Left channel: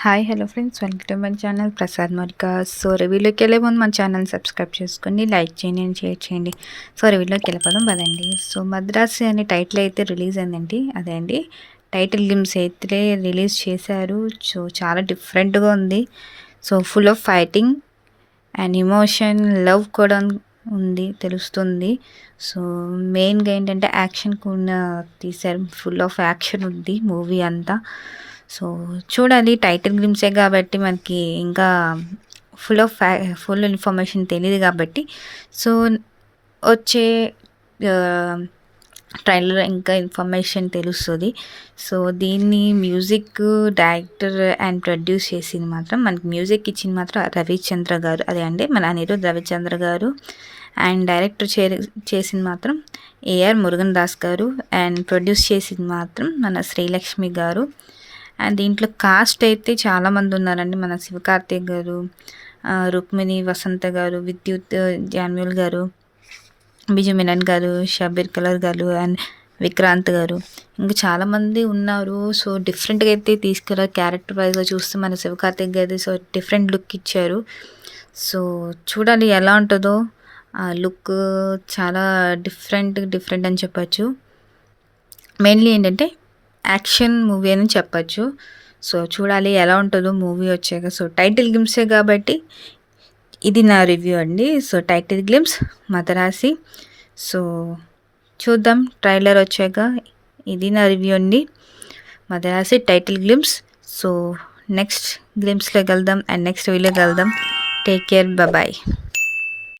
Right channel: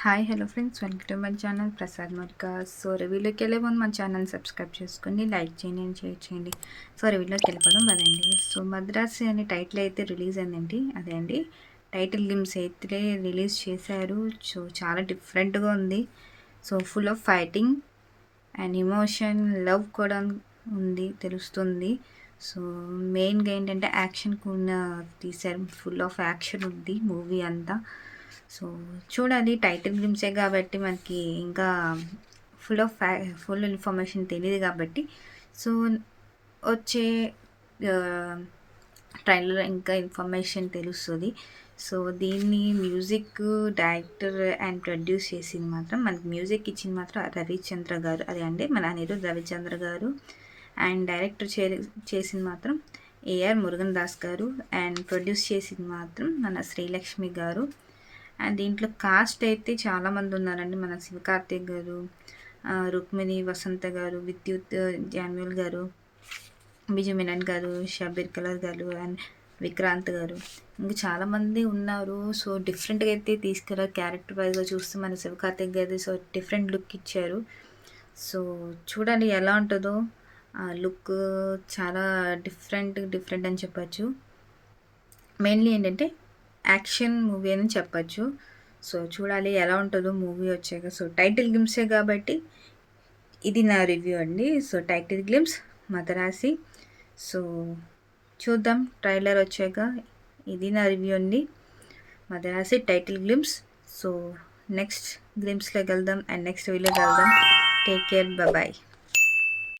Hi hello friends, welcome to my channel Prasad మరికా. So రివ్యూలోకి వెళ్ళే ముందు మన ఛానల్ సబ్స్క్రైబ్ చేసుకొని లైక్ చేయండి అండ్ షేర్ చేయండి. సో రివ్యూలోకి వెళ్ళిపోదాం పదండి. సో మద్రాసి అనే టైటిల్ అయితే రిలీజ్ అయిందండి. అదే అండి టైటిల్ గ్లిమ్స్ అయితే రిలీజ్ చేశారు. సో చాలా డిఫరెంట్గా ఉంది. So full of fighting and emotion, love కూడా ఉంది తెలుస్తుంది. సో మెయిన్గా ఏంటంటే యాక్షన్ కూడా తీశారు. ఫుల్ ఆఫ్ యాక్షన్ ఉంది మూవీ అంతా. సో చూడాలి, టైటిల్ గ్లిమ్సే కాబట్టి మనకి ఇంకా ఫుల్ ఇన్ఫర్మేషన్ తెలియదు కాబట్టి, సో వచ్చే ట్రైలర్ ఇంకా ఇన్ఫర్మేషన్ తెలుస్తుంది. సో దీన్ని మ్యూజిక్ డైరెక్టర్ అండ్ ప్రొడ్యూస్ చేసింది మాత్రం, మనకి మ్యూజిక్ ఇచ్చింది మాత్రం రవిచంద్ర గారు, అదే అండి మన అనిరుద్ రవిచంద్ర గారు. అండ్ డైరెక్టర్ చేసింది మాత్రం ఏఆర్ మురుగన్ దాస్ గారు. అండ్ ప్రొడ్యూస్ చేసింది మాత్రం మన శ్రీలక్ష్మి గారు. అండ్ దీంట్లో కాస్ట్ అయితే చాలామంది ఉన్నారండి. మన శివకార్తిక్ గారు, రుక్మిణి వసంత గారు, విద్యుత్ జాన్యుల్ గారు, బిజు మీనన్ గారు, షబీర్ కలర్ గారు అండ్ విక్రాంత్ గారు, ఇంకా చాలామంది ఉన్నారు. సో డిఫరెంట్గా అయితే తీసుకురారు. క్యారెక్టర్ వైజ్గా చూస్తే మన శివకార్తిక్ గారి సో డిఫరెంట్ లుక్ ఇచ్చారు. సో చూడాలి ఎలా ఉంటుందో. ఆ లుక్ చాలా డిఫరెంట్ అని చెప్పచ్చు. మెయిన్లీ ఏంటంటే యాక్షన్ మూవీ అని చెప్పచ్చు. సో చూడాలి ఎలా ఉంటుందో మూవీ వచ్చాక. సో టైటిల్ గ్లిమ్సే కాబట్టి ఇది నా రివ్యూ అండి. So title glimpse Madharaasi. So చూద్దాం ట్రైలర్ వచ్చాక. ఇది నా రివ్యూ అండి, Madharaasi title glimpse. So next గ్లిమ్స్లోకి వెళ్దాం అండ్ నెక్స్ట్ వీడియోకి వెళ్దాం. Take care, bye.